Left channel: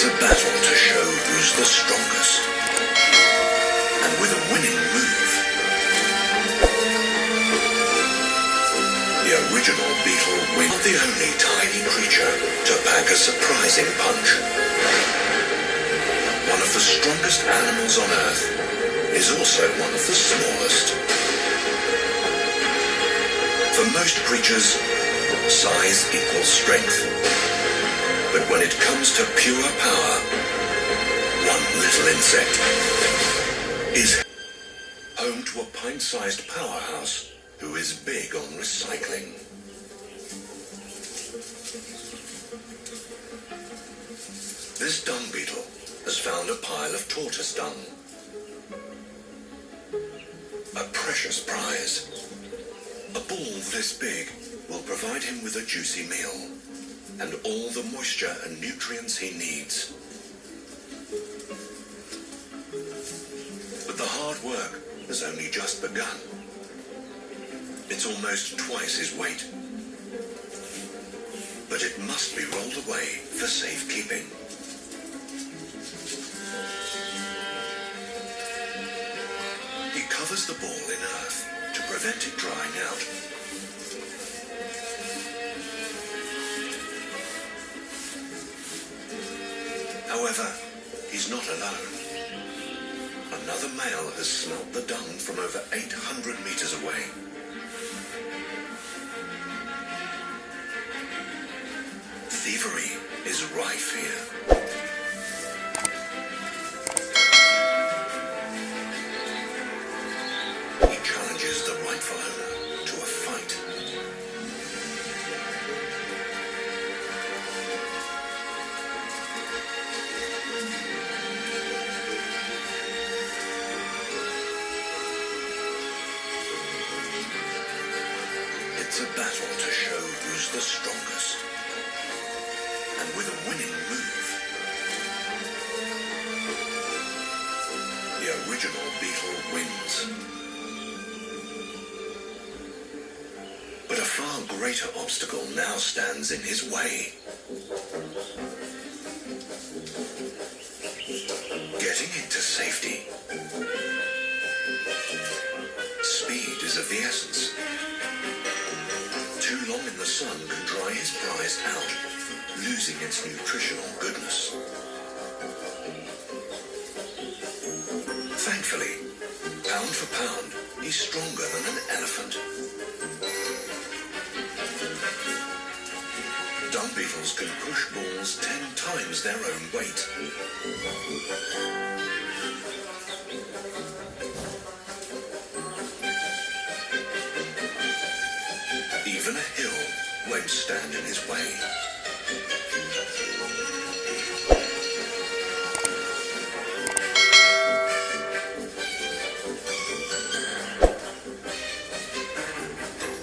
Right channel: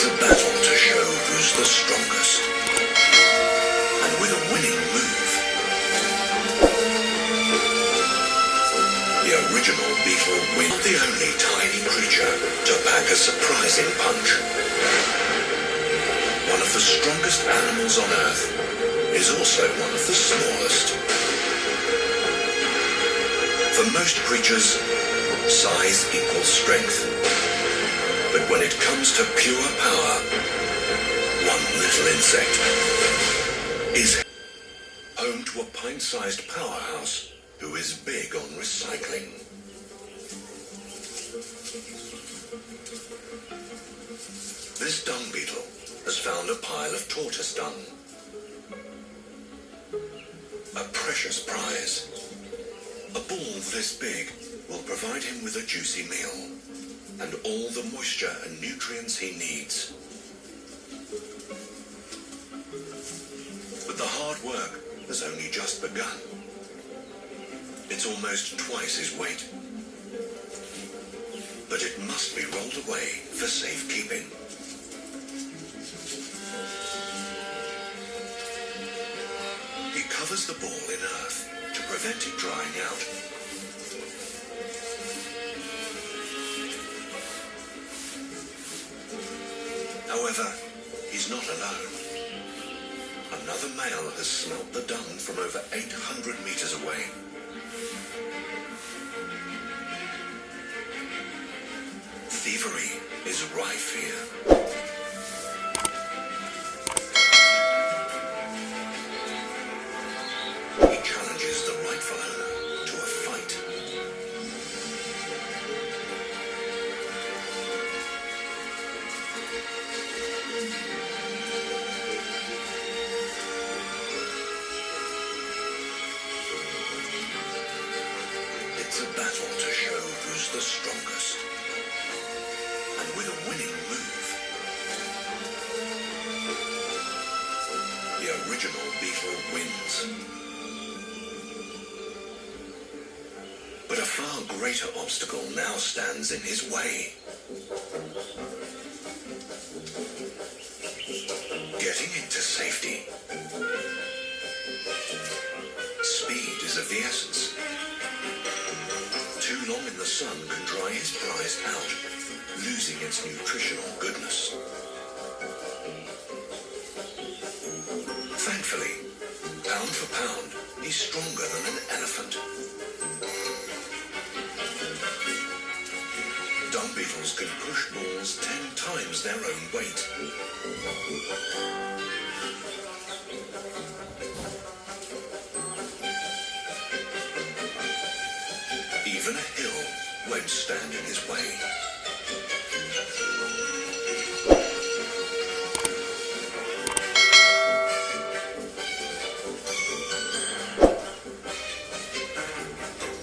It's a battle to show who's the strongest. And with a winning move, the original Beetle wins. Not the only tiny creature to pack a surprising punch. One of the strongest animals on Earth is also one of the smallest. For most creatures, size equals strength. But when it comes to pure power, one little insect is home to a pint-sized powerhouse who is big on recycling. This dung beetle has found a pile of tortoise dung. A precious prize. A ball this big will provide him with a juicy meal and all the moisture and nutrients he needs. But the hard work has only just begun. It's almost twice his weight. But it must be rolled away for safekeeping. He covers the ball in earth to prevent it drying out. However, he's not alone. Another male has smelt the dung from over 800 meters away. Thievery is rife here. He challenges the rightful owner to a fight. It's a battle to show who's the strongest. And with a winning move, the original Beetle wins. But a far greater obstacle now stands in his way. Getting into safety. Speed is of the essence. Too long in the sun can dry his prize out, losing its nutritional goodness. Thankfully, pound for pound, he's stronger than an elephant. Dung beetles can push balls 10 times their own weight. Even a hill won't stand in his way.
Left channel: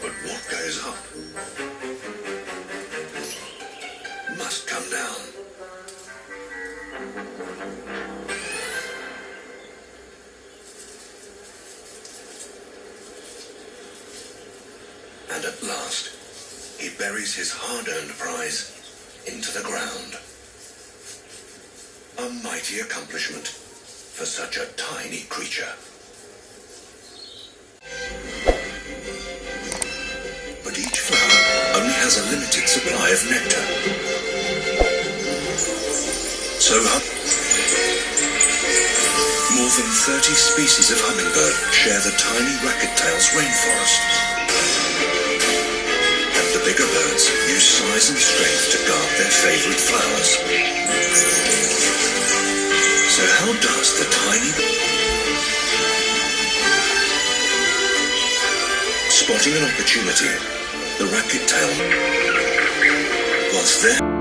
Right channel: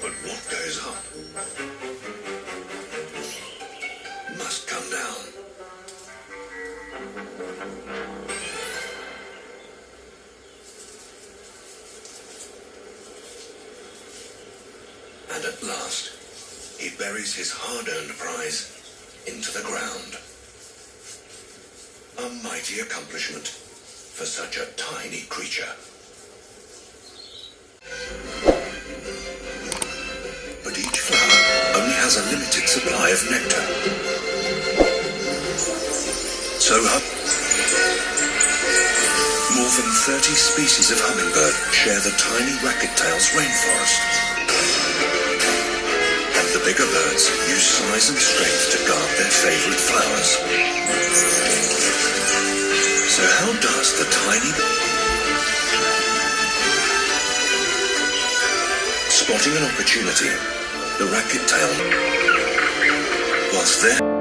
But what goes up must come down. And at last, he buries his hard-earned prize into the ground. A mighty accomplishment for such a tiny creature. But each flower only has a limited supply of nectar. So more than 30 species of hummingbird share the tiny racket-tail's rainforest. And the bigger birds use size and strength to guard their favorite flowers. So how does the tiny... Spotting an opportunity, the racket-tail was there.